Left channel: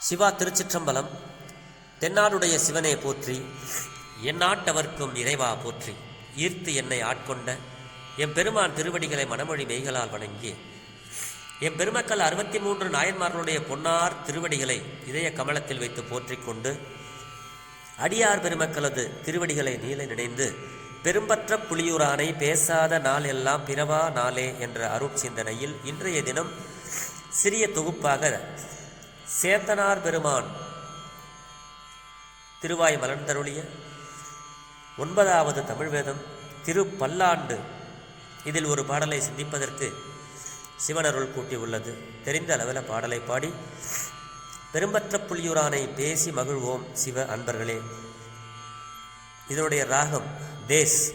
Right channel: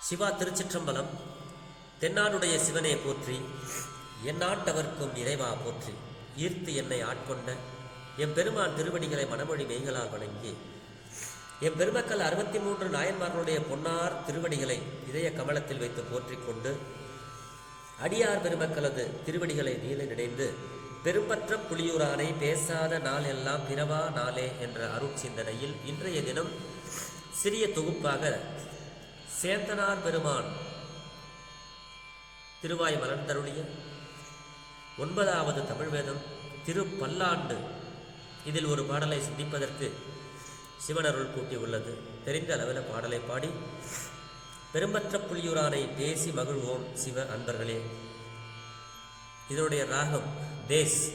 சிவா திருச்சிற்றம்பலம் தென்னாடுடைய சிவனே போற்றி எந்நாட்டவர்க்கும் இறைவா போற்றி. ஈர்த்து என்னை ஆட்கொண்ட எம் பெருமான் திருவடிகளை மனமொழி மெய்களால் வணங்கி எம் பெருமக்கள் அறுபத்தி மூன்று நாயன்மார்களுடைய பொன்னார் திருவடிகளை இதய கமலத்தில் வைத்து போற்றிக்கொண்டு அடியார் பெருமக்களது திருவடிகளை நீல நினைந்து பெரும்பற்ற புலியூரானை பேசாத நாள் எல்லாம் பிறவா நாளே என்ற அருட்சிந்தனையில் இன்றைய தினம் சிறிய தொகுப்பாக சேத்தனார் பெருமான். திருவாய் மலர்ந்தருளிய ஒன்பதாவது தமிழ்வேதம் திருப்பல்லாண்டு. திரு பல்லாண்டு இதில் ஒரு பாடலை சிந்திப்பதற்கு சிவனருள் கூட்டி உள்ளது தெரிந்த அளவில் பாடலை பாடி பெரும்பற்ற புலியூரானை பேசி மகிழ்வோம் சிவ அன்பர்களே. இதனுடைய ராகம் தேஸ்.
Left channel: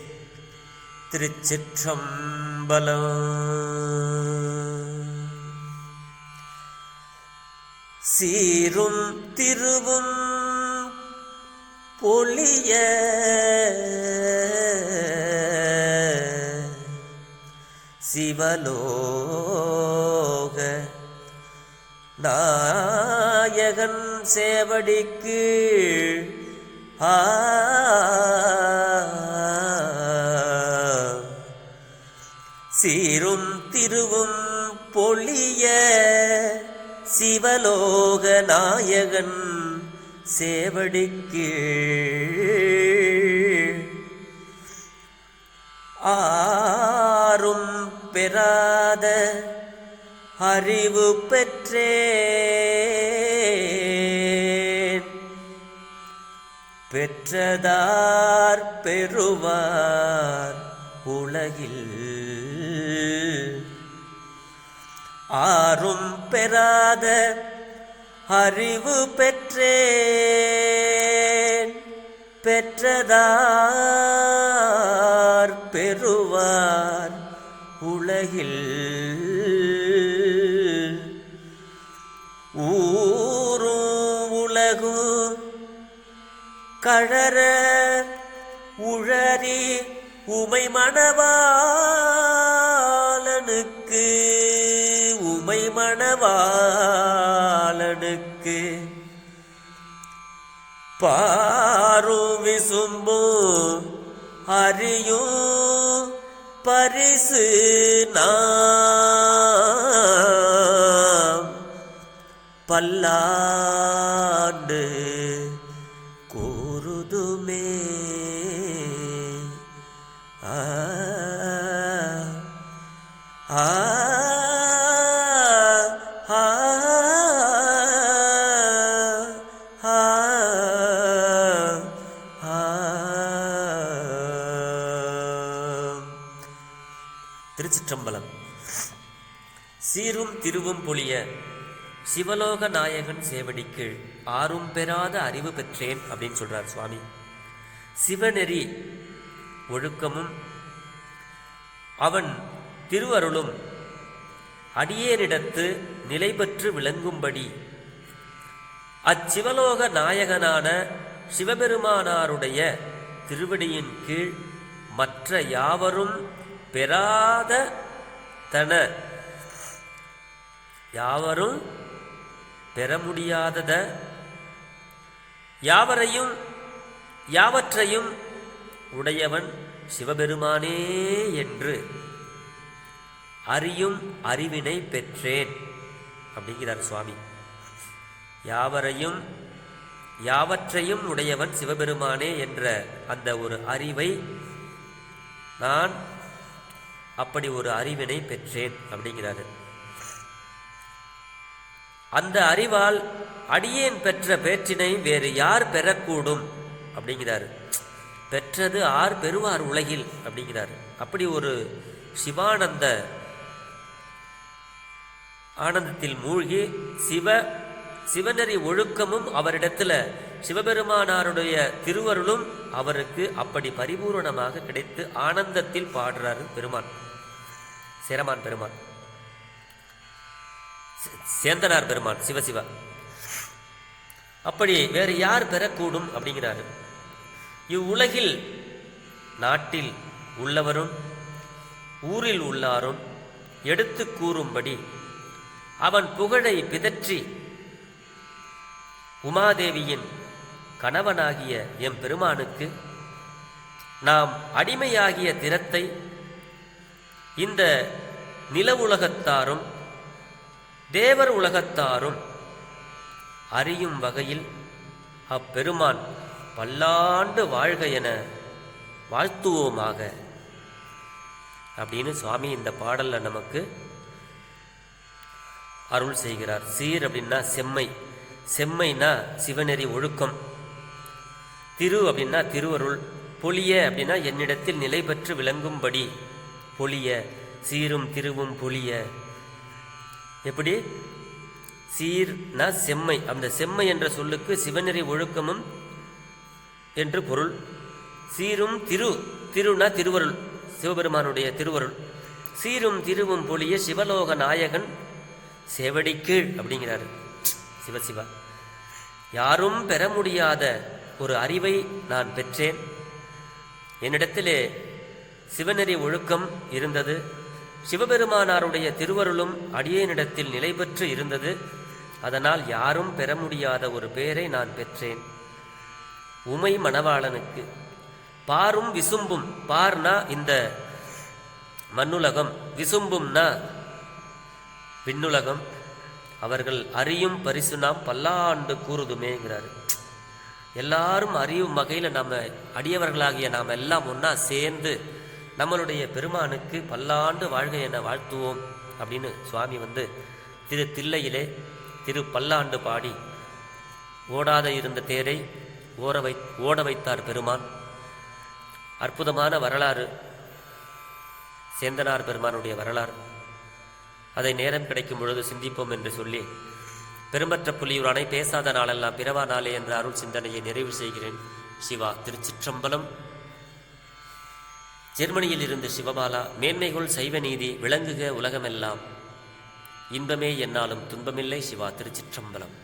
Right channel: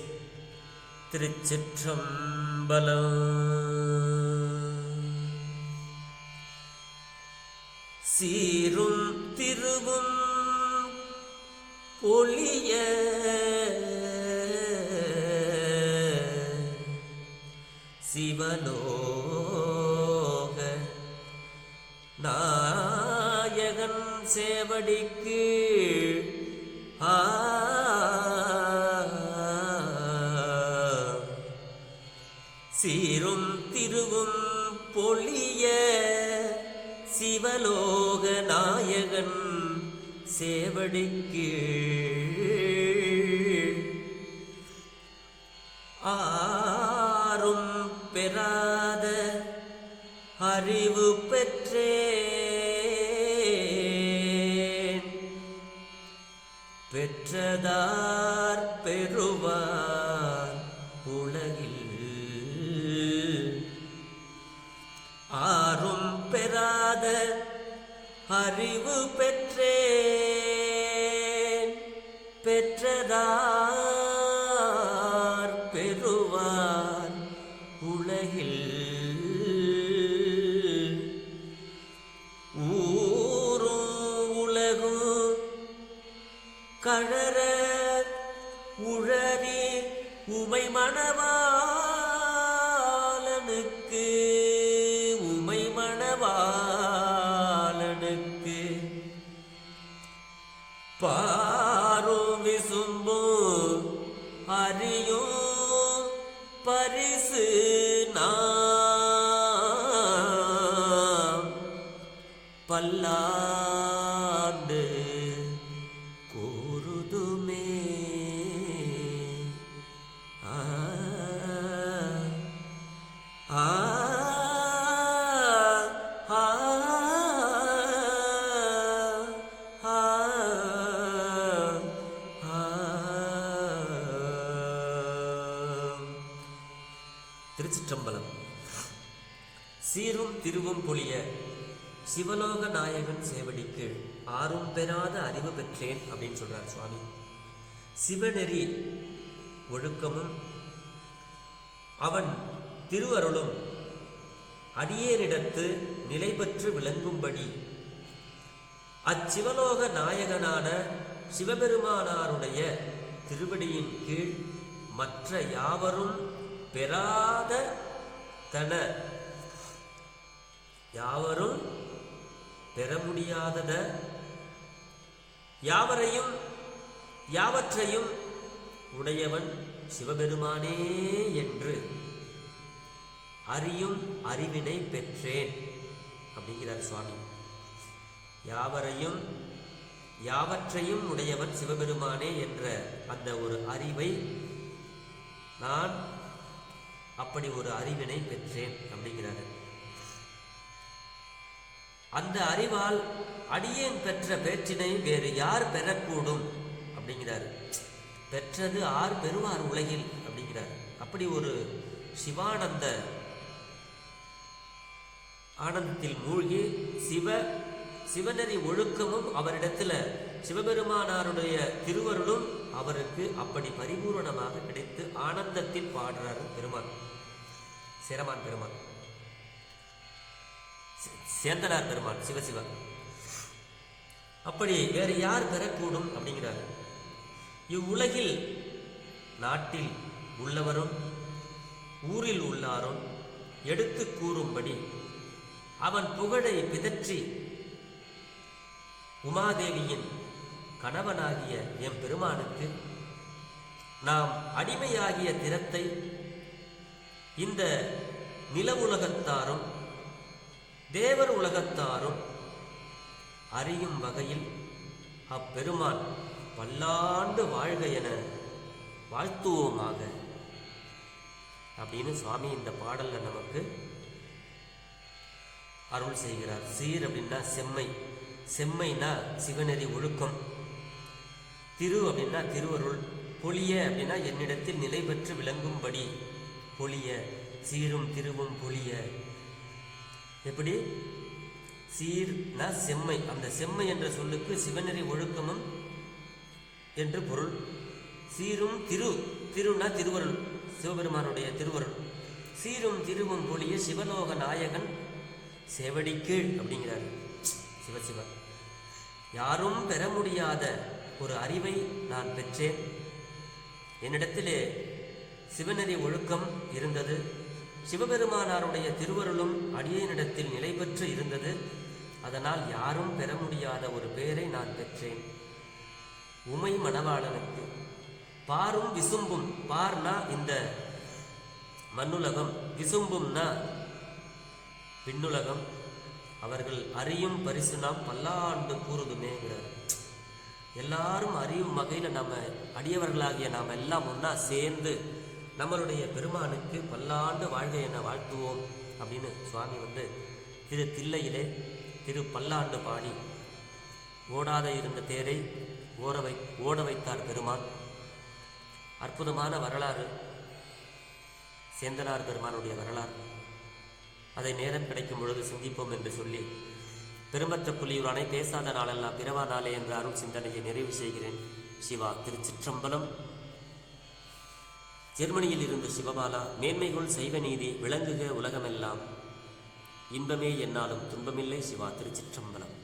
திருச்சிற்றம்பலம். சீரும் திருவும் பொலிய. சிவலோக நாயகன் சேவடிக்கு ஆ. சீரும் திருவும் பொலிய. சிவலோக நாயகன் சேவடிக்கு ஆறும் பெறாத அறிவு பெற்றேன். பெற்றதார் பெறுவார் உலகில். ஆரும் பெறாத அறிவு பெற்றேன். பெற்றதார் பெறுவார் உலகில். ஊரும் உலகும் கழற உழறி உமை மணவாளனுக்கு மணவாளனுக்கு பாரும் விசும்பு அறியும் பரிசு நாம். பல்லாண்டு கூறுதுமே. ஆ ஆ. திருச்சிற்றம்பலம். சீரும் திருவும் பொழிய சிவலோக நாயகன் சேவடிக்கு ஆறும் பெறாத அறிவு பெற்றேன் அப்படின்னு சொல்றார் சுவாமி. சிவநெறி ஒழுக்கமும் அவன் திருவருளும் அடியேனிடத்து நிலை பெற்று விளங்கும்படி அச்சிவலோக நாயகனான சிவபெருமானாருடைய திருவடியின் கீழ் மற்ற யாவரும் பெறாத தன யாவரும் பெற முடியாதத யாவரையும் யாவற்றையும் உடையவன் சிவபெருமானே என்று அறியும் அறிவினை பெற்றேன் அப்படிங்கிறார் சுவாமி. யாவரையும் யாவற்றையும் உடையவன் சிவபெருமானே என்ற அந்த ஒரு அறிவை நான் அப்படி ஒரு அறிவினை பெற்றேன் அப்படிங்கிறாரு. அந்த அறிவால் அடியேன் பெற்ற பேற்றினை வேறு யார் பெறக்கூடும் அப்படிங்கிறாரு. பெற்றது ஆர் பெறுவார் உலகில் அப்படிங்கிறாரு. அப்படி ஒரு சிவானந்த ஆனந்தத்தில் மூழ்கி சிவ சிவநெறி ஒழுக்கமும் அவரிடத்துல சிவபெருமானாருடைய திருவருளும் அவருக்கு அப்படி பரிபூரணமாக கிடைத்து ஆனந்தத்தில் பாடுறாரு பெருமான். சிரமான் பெருமான். சேந்தனார் பெருமான் சிவசிவா அப்படி வேறு யார் பெறக்கூடும் அப்படிங்கிறாரு. இவ்வுலகில் நாட்டில் உள்ளவரும் ஊரில் உள்ளாரும் எடுத்து கூறும்படி அவன் புகழை பிதற்றி உமாதேவியின் கணவனாகிய எம் பெருமானுக்கு நாம் அடிமையாகிய தினத்தை இந்த நில உலகத்தாரும் தேவர் உலகத்தாரும் அறியும் வகையில் அப்பெருமான் பல்லாண்டு வாழ்க என வாழ்த்துவோமாக. அப்படின்னு சுவாமி இந்த பாடலில் நமக்கு அருள் செய்கிறார். சீர் அப்படின்னா செம்மை. செம்மைனா சிவநெறி ஒழுக்கம். திரு அப்படின்னா திருவருள் பொலிய அப்படின்னா என்னிடத்தில் நிலை பெற்று விளங்கும்படி. பொலிய சீரும் திருவும் பொலிய. எப்படி? சீர்னா செம்மை. அந்த செம்மை என்ற சொல்லுக்கு சிவநெறி ஒழுக்கமும் என்று பொருள். சீரும் திரு திருனா திருவருள் சிவபெருமானுடைய திருவருள். சீரும் திருவும் பொழிய சிவலோக நாயகன் செவடிக்கீழ் அப்படிங்கிறாரு. சிவசிவா யாரும் பெற முடியாத ஒரு அறிவை நான் பெற்றேன். என்னிடத்திலே சிவநெறி ஒழுக்கம் இருந்தது. சிவபெருமானாருடைய திருவருளும் அடியேனிடத்தில் நிலை பெற்று இருந்தது. அதனால் யாரும் பெற முடியாத ஒரு பெயரை நான் பெற்றேன். உமை மணவாளனுக்கு பாரும் விசும்பும் பார்னா இந்த மண்ணுலகம் விசும்பும்னா விண்ணுலகம். அவர்கள் அறியும் பரிசு நாம் பல்லாண்டு கூறுதுமேங்கிறாரு. எல்லாரும் அறியும் வகையில் நம்ம அடியவர்களாகிய நாம் எல்லாம் ஒன்றா சேர்ந்து நம்மளுடைய பெருமானுக்கு பல்லாண்டு வாழ்க என வாழ்த்துவோம் அப்படின்னு சுவாமி வந்து திரு தில்லையிலே திரு பல்லாண்டு பாடி ஓடாத இருந்த தேரை ஓட வை ஓட வைத்தார் பெருமான். அற்புதமான வரலாறு சேந்தனார் பெருமானுடைய வரலாறு. அதை நேரம் கிடைக்கும் பொழுது சிந்திப்போம் என்று சொல்லி பெருமற்ற புலியூரானை பேசாத நாளெல்லாம் பிறவா நாளே என்ற அருள் சிந்தனையை நிறைவு செய்கிறேன். சிவா திருச்சிற்றம்பலம். ஜெர்மனியில் இருந்து சிவபாலா மேன்மைகுள் சைவ நீதி விளங்குக உலகமெல்லாம். இன்பமே என்னாலும் துன்பமில்லை சிவா திருச்சிற்றம்பலம்.